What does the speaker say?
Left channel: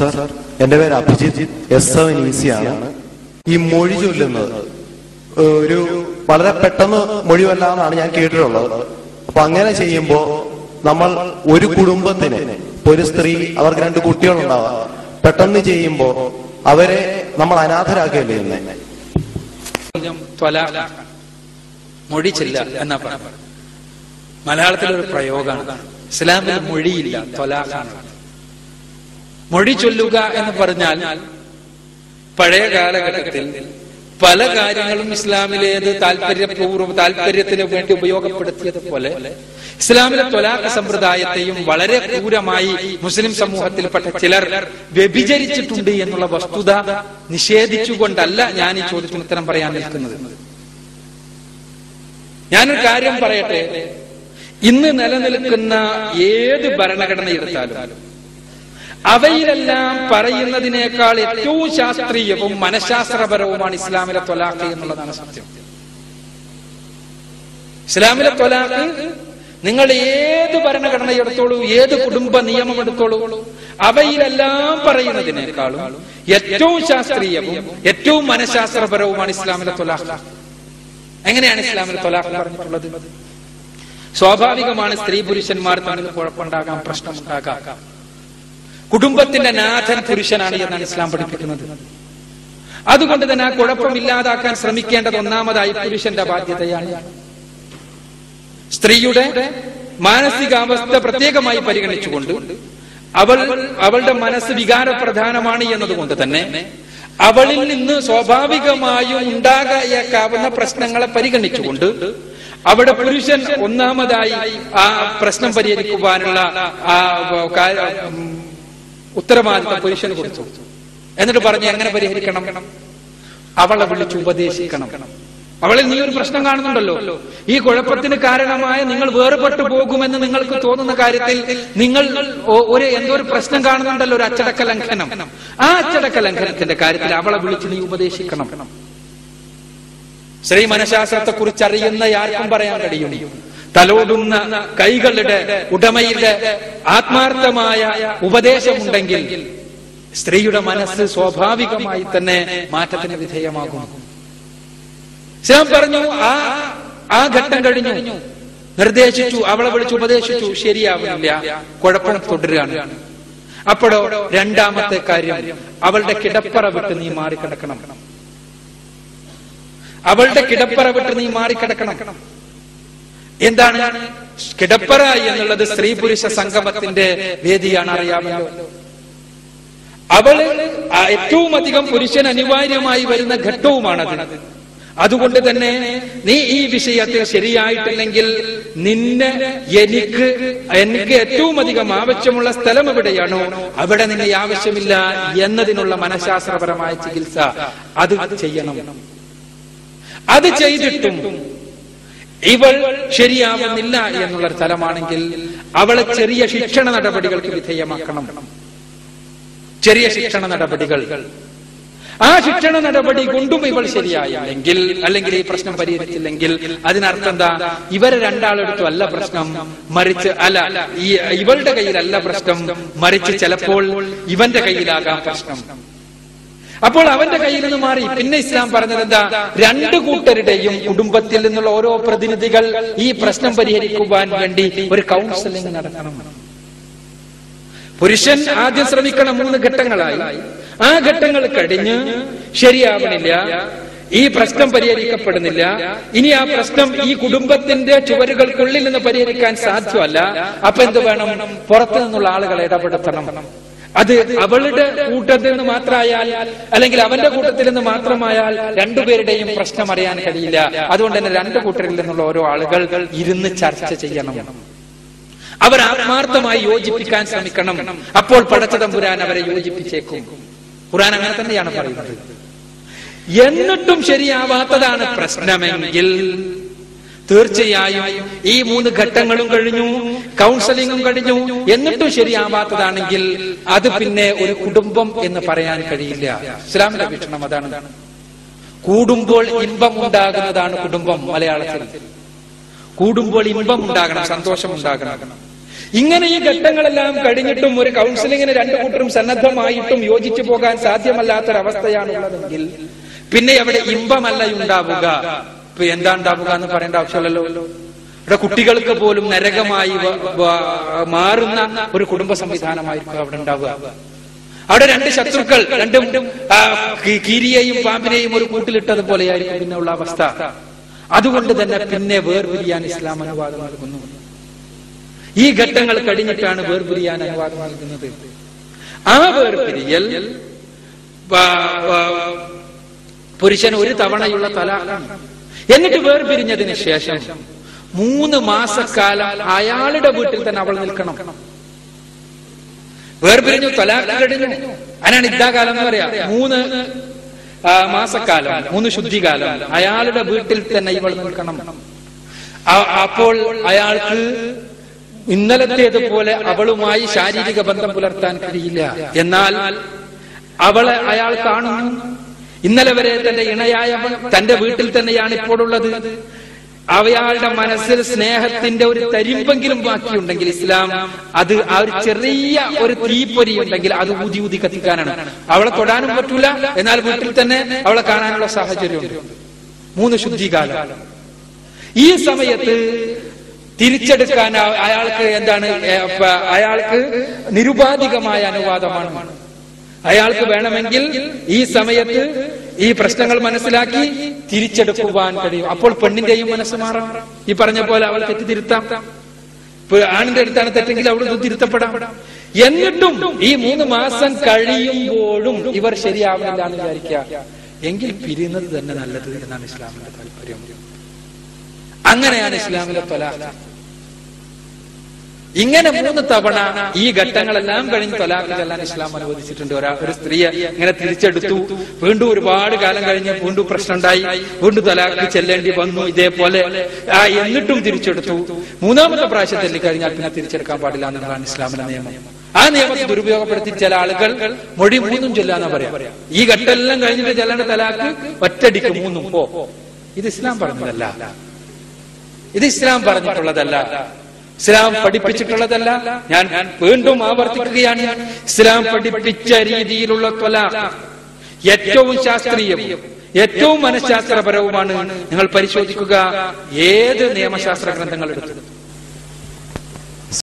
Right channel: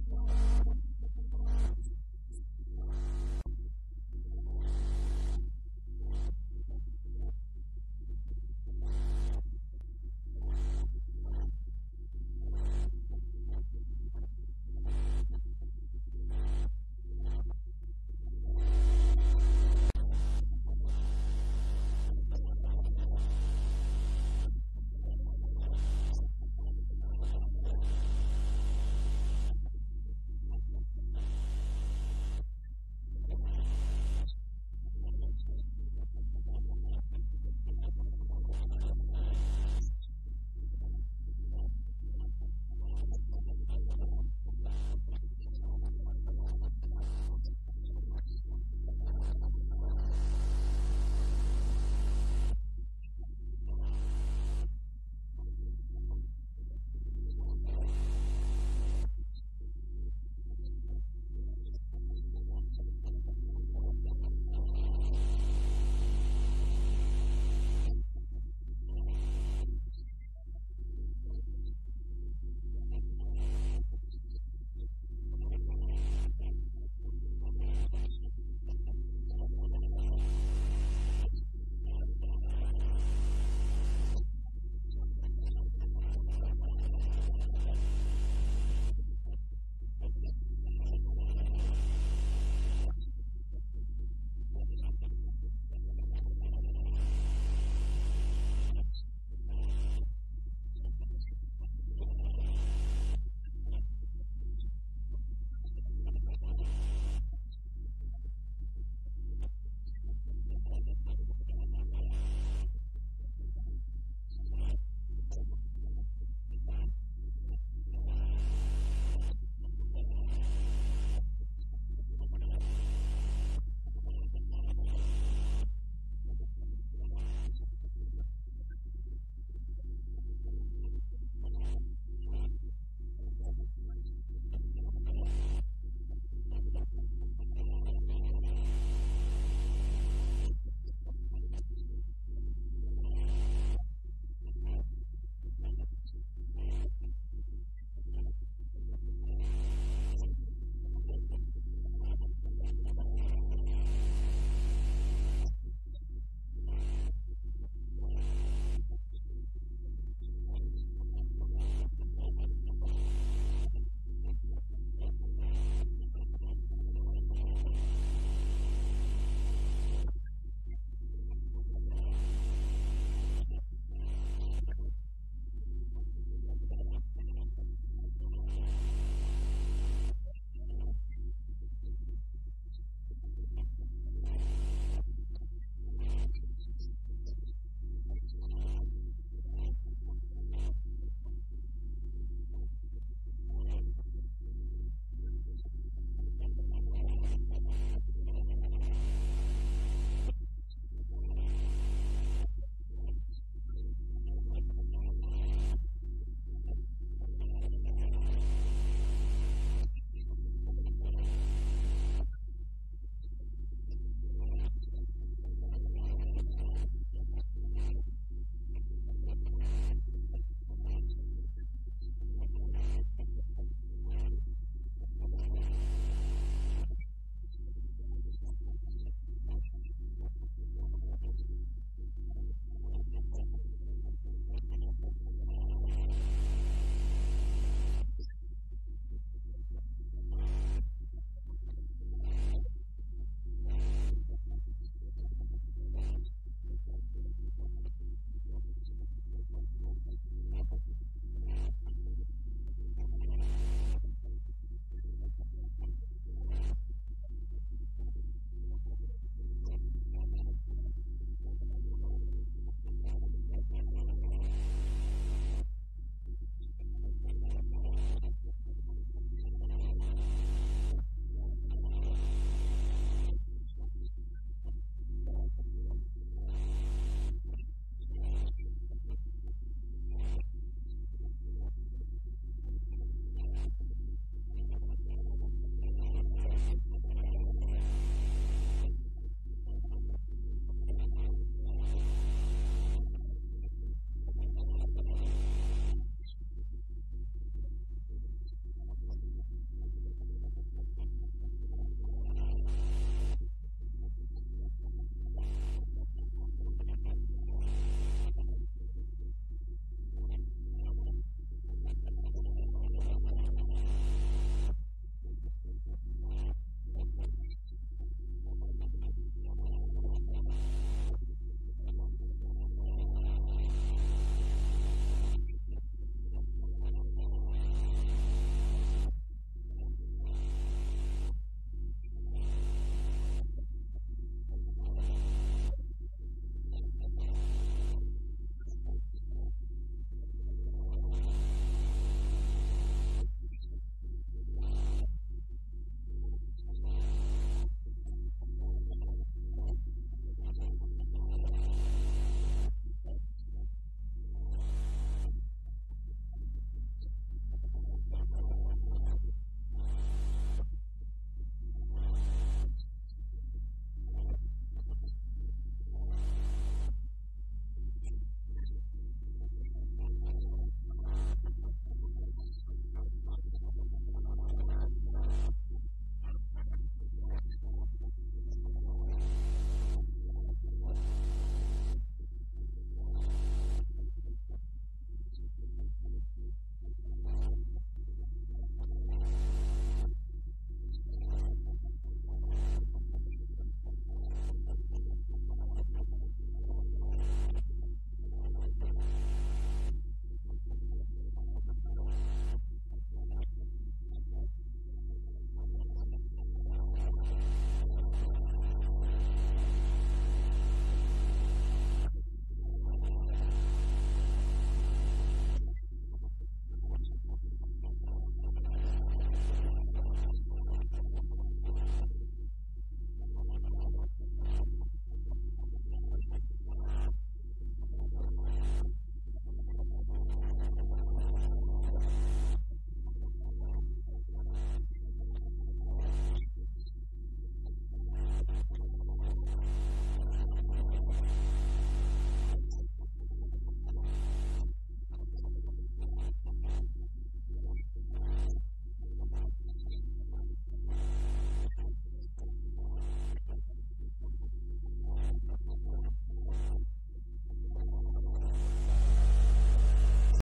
Sir എന്റെ പേര് Abhijit S seven ഈസിയാണ് ഈ മൊഴി ചൊല്ലുന്നത് ഒരു വളരെ പെട്ടെന്ന് മൊഴി വല്ലാന്നാണ് ഞാൻ കേട്ടിട്ടുള്ളത്. അപ്പൊ അങ്ങനെ ചെയ്യുമ്പോൾ നമ്മൾ ഒരു കുടുംബത്തിന് ഒരു സ്ത്രീ അവർക്ക് രണ്ട് കുട്ടികളുണ്ടാവാം. പെട്ടെന്ന് ചെയ്യുമ്പോൾ അവരെ നമ്മൾ അനാഥരാക്കുകയല്ലേ ചെയ്യുന്നേ മൊഴി ചെല്ല എന്നാ മലയാളത്തിലൊരു പ്രയോഗമാണ്. ഇസ്ലാമിൽ മൊഴിയില്ല തൊലാഖാണ് മൊഴി ചൊല്ലുക എന്ന് പറഞ്ഞാൽ പഴയ കാലഘട്ടത്തിൽ പല കാര്യങ്ങളും ഇസ്ലാമിലേത് താല്പര്യപൂർവം താല്പര്യത്തിന് വേണ്ടി ഉപയോഗപ്പെടുത്തിയത് പോലെ ഇസ്ലാമിലെ ത്വലാഖ സമ്പ്രദായത്തെയും വളരെ ക്രൂരമായി മുസ്ലിം സമൂഹത്തിൽപ്പെട്ട ചിലർ വ്യഭിചരിച്ചിട്ടുണ്ട് എന്നുള്ള വസ്തുത നിഷേധിച്ചുകൊണ്ടല്ല ഞാൻ ഈ ചോദ്യത്തിന് ഉത്തരം പറയാൻ നിൽക്കുന്നത്. ഞാനൊരു കാര്യം പറയട്ടെ. ഇന്ന് നിലനിൽക്കുന്ന ഏത് ഭരണഘടന എടുത്താലും അവയിലെല്ലാം പറയുന്നതിനേക്കാൾ ഏറ്റവും ശാസ്ത്രീയവും മനഃശാസ്ത്രപരവുമാണ് ഇസ്ലാമിലെ ത്വലാഖ് എന്നുള്ളതാണ് സത്യം. ഇസ്ലാമിലെ ത്വലാഖ് നിങ്ങൾ ഏത് ഭരണഘടന എടുത്തോളൂ ഏത് കുടുംബ നിയമം എടുത്തോളൂ അവയിലെല്ലാം പറയുന്നതിനേക്കാളും ഏറ്റവും ശാസ്ത്രീയവും ഏറ്റവും മനഃശാസ്ത്രപരവുമാണ് ഇസ്ലാമിലെ ത്വലാഖ് എങ്ങനെയാണ് ഇസ്ലാമിലെ തൊലാഖ് പറഞ്ഞിട്ടുള്ളത്? സ്വാഭാവികമാണ് സ്ത്രീ പുരുഷന്മാർ തമ്മിൽ കുഴപ്പമുണ്ടാകാം പ്രശ്നമുണ്ടാകാം. കുടുംബത്തിന്റെ നാഥൻ പുരുഷനാണ് എന്നാണ് ഇസ്ലാം പഠിപ്പിക്കുന്നത്. അതുകൊണ്ട് തന്നെ ആ കുഴപ്പമില്ലാതാക്കാൻ ശ്രമിക്കേണ്ടത് ഒന്നാമതായി പുരുഷന്റെ ബാധ്യതയാണ്. സ്ത്രീയുടെ മാനസികാവസ്ഥ പ്രത്യേകമായി പരിഗണിച്ചുകൊണ്ട് അവൾ അവളുടെ മനസ്സ് വികാരപ്രധാനമാണ് എന്നതുകൊണ്ട് തന്നെ അവളിൽ നിന്ന് സ്വാഭാവികമായും ഉണ്ടാകാവുന്ന പ്രശ്നങ്ങളെ പരിഗണിച്ചുകൊണ്ട് അവിടെ പുരുഷൻ ഒന്നാമതായി ആ പ്രശ്നം പരിഹരിക്കുവാനുള്ള ആ ഉത്തരവാദിത്തം പുരുഷന് കൊടുത്തു. എന്നിട്ട് പറഞ്ഞു എങ്ങനെ പരിഹരിക്കണം? അവളെ വിളിച്ച് ഉപദേശിക്കണം. അവളിൽ നീ ഒരു പ്രശ്നം കാണുന്നുണ്ടല്ലോ. ഈ കുഴപ്പത്തിന് കാരണമായ നിങ്ങൾ വേർപെട്ടു പോകുമെന്ന് നിങ്ങൾക്ക് തോന്നുന്ന കാര്യത്തിൽ നിങ്ങൾ ഒരു എന്തോ ഒരു പ്രശ്നം കാണുന്നുണ്ടല്ലോ ഒരു അച്ചടക്ക ലംഘനം. ആ അച്ചടക്ക ലംഘനത്തിന്റെ കാര്യത്തിൽ അവളെ വിളിച്ച് നീ ഉപദേശിക്കണം. ശ്രീ മനഃശാസ്ത്രത്തെ കുറിച്ച് അറിയുന്ന ആർക്കും പറയാൻ കഴിയും. തലോടുന്ന കൈകളുടെ ഉടമയുടെ ആത്മാർത്ഥമായ ഉപദേശമുണ്ടെങ്കിൽ സ്ത്രീയുടെ മനസ്സ് സ്വാഭാവികമായി തന്നെ മാറ്റത്തിന് വിധേയമാകും ഇസ്ലാം പറഞ്ഞു ആ ആ ഘട്ടം കഴിഞ്ഞു. നിർദ്ദേശിച്ചു അവളെ വിളിച്ച് ഉപദേശിച്ചു. ശരിയാവില്ല കുഴപ്പം തുടരുകയാണ്. അപ്പോഴോ രണ്ടാമത്തെ കാര്യം അവളുടെ കിടപ്പറ വിട്ട് നീ മാറിക്കിടക്കണം. അവളുടെ കിടപ്പറ വിട്ട് നീ മാറിക്കിടക്കണം. എന്താണ്? കിടപ്പറ എന്നുള്ളത് സ്ത്രീ പുരുഷ സംഗമത്തിന്റെ വേദിയാണ് അറിയാമല്ലോ. അവൾ ഏറ്റവും അധികം പുരുഷൻ അനിവാര്യമായി വരുന്ന ഘട്ടവുമാണത്. അതുകൊണ്ട് തന്നെ നീ ഈ വിഷയത്തിൽ ശരിയായിട്ടില്ലെങ്കിൽ നിന്നെ എനിക്ക് എനിക്ക് ഏറ്റവും അധികം ആവശ്യമുള്ള സ്ഥലം എവിടെയാണോ അവിടെ നിന്നെ ആവശ്യമില്ല എന്നതിനുള്ള മനഃശാസ്ത്രപരമായ ചികിത്സ അത് ചെയ്യണം. അത് ചെയ്തിട്ടും ഇവൾ ശരിയാവുന്നില്ല എന്നുള്ള സ്ഥലമാണെങ്കിൽ അവളെ ചെറിയ ശിക്ഷണ നടപടികൾക്ക് വിധേയമാക്കണം. ചെറിയ ശിക്ഷണ നടപടികൾ. ആ ശിക്ഷണ നടപടി കൊണ്ടും ഇവൾ ശരിയായില്ലെങ്കിൽ അല്ലെങ്കിൽ ഈ പ്രശ്നം പരിഹരിച്ചില്ലെങ്കിൽ അതിനർത്ഥം എന്താ? ഇവരെ രണ്ടാളെടുത്തും അല്ല പ്രശ്നം. മറിച്ച് അല്ല ഈ ഇവളുടെ കയ്യിലല്ല പ്രശ്നം. മറിച്ച് ചിലപ്പോൾ ഇവന്റെ കയ്യിലാകാം പ്രശ്നം. അപ്പോൾ അവന്റെ കയ്യിൽ നിന്ന് മാറി പിന്നെ ഇസ്ലാം പറഞ്ഞത് എന്താ? രണ്ട് കൂട്ടരുടെയും കുടുംബത്തിൽ നിന്നുള്ള ഓരോ പ്രതിനിധികൾ ഈ പ്രശ്നം പരിഹരിക്കുവാൻ വേണ്ടി ഒരു കൗൺസിലിംഗ് നടത്തണം. പുരുഷൻ ആദ്യം ശ്രമിക്കണം മൂന്ന് ഘട്ടങ്ങളായി. ആ ഘട്ടങ്ങൾ കഴിഞ്ഞ് ശരിയാവണില്ല. ഈ പ്രശ്നം പരിഹരിക്കപ്പെടുന്നില്ല. ഇനി ആ പ്രശ്നം ഈ കുടുംബത്തിന്റെ ചുവരുകൾക്കുള്ളിൽ നിന്ന് പരിഹരിക്കാൻ സാധ്യമല്ല. അപ്പൊ എന്ത് വേണം? പുറത്തു നിന്നുള്ള ആളുകളെ ഇടപെടുത്തണം. അത് അവളുടെ കൂട്ടത്തിൽ നിന്ന് മാത്രമായാൽ അല്ലെങ്കിൽ അവന്റെ കൂട്ടത്തിൽ നിന്ന് മാത്രമായാൽ രണ്ടുപേരുടെയും പ്രശ്നം അറിയാൻ കഴിയില്ല. അതുകൊണ്ട് തന്നെ രണ്ട് കൂട്ടരിൽ നിന്നുള്ള ഓരോ ആളുകൾ ഇരുന്ന് ചർച്ച ചെയ്യണം. അവർ ആത്മാർത്ഥമായി യോജിപ്പിക്കാൻ ശ്രമിക്കണം. അപ്പോൾ പടച്ചതമ്പുരാൻ അവരെ യോജിപ്പിച്ചേക്കും. ഖുറാൻ അങ്ങനെ തന്നെയാണ് പറയുന്നത്. എന്നിട്ടും ശരിയാവാത്തതാണ് പ്രശ്നമെങ്കിൽ തീർച്ചയായും ഈ മൂന്ന് ഘട്ടങ്ങളും കഴിഞ്ഞു കൗൺസിലിംഗും കഴിഞ്ഞു. എന്നിട്ടും ശരിയാവാത്തതാണെങ്കിൽ അത് പിന്നെ ഒരു കുടുംബം എന്ന് പറയാൻ കഴിയില്ല. ഇസ്ലാമിന്റെ വീക്ഷണം അതാണ്. കൂടുമ്പോൾ ഇമ്പം ഉണ്ടാകുന്നതാണ് കുടുംബം മലയാളത്തിൽ. കൂടുമ്പോൾ ഇമ്പം ഉണ്ടാകണം സന്തോഷം ഉണ്ടാകണം. ഇങ്ങനെ ഈ ഘട്ടങ്ങളെല്ലാം കഴിഞ്ഞിട്ടും ഒരു കൗൺസിലിങ്ങിന് രണ്ടു കൂട്ടരും സന്നദ്ധമായിട്ടും യോജിച്ചു പോകാൻ സാധ്യമല്ലാത്തൊരവസ്ഥയാണ് ഉള്ളതെങ്കിൽ പിന്നെ അവിടെ ഇമ്പമല്ല ഉണ്ടാവുക. ഇപ്പൊ എന്താ ഉണ്ടാവുക എന്ന് പറയേണ്ട ആവശ്യമല്ലല്ലോ. ഇവിടെ കുട്ടികൾക്ക് പോലും നരകമായി മാറുന്ന ഒരു കുടുംബ സംവിധാനമായിരിക്കും അവിടെ ഉണ്ടാവുക. അവിടെ രണ്ട് ശത്രുക്കൾ രണ്ടും കീരിയെയും പാമ്പിനെയും ഒരു കൂട്ടിലിട്ടത് പോലെയായിരിക്കും പിന്നെ ഉള്ള അവസ്ഥ. അതുകൊണ്ട് തന്നെ പിന്നെ വേർപിരിയാൻ ഇസ്ലാം അനുവാദം നൽകുന്നു. ഈ ഘട്ടങ്ങൾ കഴിഞ്ഞിട്ടാണ് വേർപിരിയാൻ അനുവാദം നൽകുന്നത്. ആ വേർപിരിയൽ പുരുഷൻ ഒരു തവണയുള്ള തലാഖാണ്. എന്നിട്ട് വേർപിരിഞ്ഞതിന് ശേഷം മൂന്ന് മാസക്കാലം അയാളുടെ വീട്ടിൽ തന്നെ അവൾ നിൽക്കണം. വേർപിരിഞ്ഞു തലാഖ് കഴിഞ്ഞു. അതിനാണ് ഇദ്ദാകാലം എന്ന് പറയാ. മൂന്ന് മാസക്കാലം മൂന്ന് ശുദ്ധികാലം അയാളുടെ വീട്ടിൽ തന്നെ ഇവൾ നിൽക്കണം. അപ്പോൾ അയാൾക്ക് ഇന്നലത്തേതുപോലെ അവളുമായി ശാരീരിക ബന്ധം പുലർത്താൻ കഴിയില്ല. എന്നാൽ അവളെ അയാൾ കാണുന്നു. ഇന്നലെ വരെ തന്റെ ഇണയായവൻ തന്റെ വീട്ടിൽ തന്നെയാണ് ഇപ്പോഴുള്ളത്. അവയാളുടെ മനസ്സിൽ സ്നേഹത്തിന്റെ ഒരു തരിമ്പെങ്കിലും ബാക്കിയുണ്ടെങ്കിൽ ഇസ്ലാം അത് ആ ഒരു ചെറിയ ഒരു തീപ്പൊരി ഉണ്ടെങ്കിൽ അത് ഊതി ഊതി കത്തിക്കാനാണ്. അവളെ തൊടാനും പറ്റൂല എന്നാൽ വീട്ടിൽ തന്നെ അവളെ കാണാനുള്ള സാഹചര്യമുണ്ട്. മൂന്ന് ശുദ്ധികാലം. ഈ സമയത്ത് തിരിച്ചെടുക്കാൻ അയാൾക്ക് എന്താണ് അയാൾക്ക് നിരുപാധികമായ അനുവാദമാണ്. അയാൾക്ക് വേണമെങ്കിൽ ഈ സമയത്ത് ഈ പ്രശ്നങ്ങൾ മനസ്സിലാക്കി തിരിച്ചെടുക്കുവാൻ കഴിയും. അപ്പോൾ പെണ്ണിന്റെയും മനസ്സ് മാറാം. ഈ പറഞ്ഞ പോലെ അവൾ തെറ്റ് തിരുത്താം ഇപ്പൊ ആണിന്റെ അടുത്താണ് തെറ്റെങ്കിൽ അവിടെ തിരുത്തപ്പെടാം. എന്നിട്ടും ഈ മൂന്ന് മാസം കഴിയുമ്പോഴും ഇവർ ശരിയാവില്ല എന്ന് വിചാരിക്കുക. എങ്കിൽ പിരിയുന്നത് തന്നെ നല്ലത് എന്നാണ് ഇസ്ലാമിന്റെ താല്പര്യം. അങ്ങനെയാണ് ഇസ്ലാമിലെ തൊലാഖ് ഇങ്ങനെ മൂന്ന് തവണ ഈ ഘട്ടങ്ങളെല്ലാം കഴിഞ്ഞ് തൊലാഖ് ചെല്ലാൻ ഇസ്ലാം അനുവദിച്ചിട്ടുണ്ട്. ഒരാ ഒരു സ്ത്രീയെ ഇങ്ങനെ തിരിച്ചെടുത്തു. വീണ്ടും ഒരുപാട് കാലം കഴിഞ്ഞ് വീണ്ടും പ്രശ്നമുണ്ടായി. വീണ്ടും തൊലാഖ് ചെല്ലേണ്ടി വന്നു. ഇതേപോലെ ആ എന്നിട്ടും തിരിച്ചെടുത്തു. മൂന്നാമത്തെ പ്രാവശ്യം ചെല്ലിക്കഴിഞ്ഞാൽ പിന്നെ തിരിച്ചെടുക്കാൻ പാടില്ല എന്നുള്ളതാണ് ഇസ്ലാമിന്റെ നിയമം. ആ നിയമത്തെ ദുരുപയോഗപ്പെടുത്തി ചില ആളുകൾ മൊഴി മൂന്നും ചെല്ലാന്നാ പറയാ. ഈ ഘട്ടമെല്ലാം കഴിഞ്ഞിട്ട് ചെല്ലേണ്ട തലാക്ക് ഒറ്റടിക്ക് മൂന്നും. പോ. ഇത് ഇസ്ലാം പറഞ്ഞതല്ല. ഇത് ഇസ്ലാം പറഞ്ഞിട്ടുള്ളതല്ല. ഇസ്ലാം പഠിപ്പിച്ചിട്ടുള്ളതല്ല. ഞാൻ വീണ്ടും ആവർത്തിക്കുകയാണ്. ഇസ്ലാം പഠിപ്പിച്ച രീതിയിലുള്ള തൊല ഏറ്റവും ശാസ്ത്രീയവും ഏറ്റവും മനഃശാസ്ത്രപരവുമാണ്. നിങ്ങൾ പരിശോധിക്കുക. ഏത് നിയമശാസ്ത്ര ഗ്രന്ഥങ്ങൾ എടുത്തു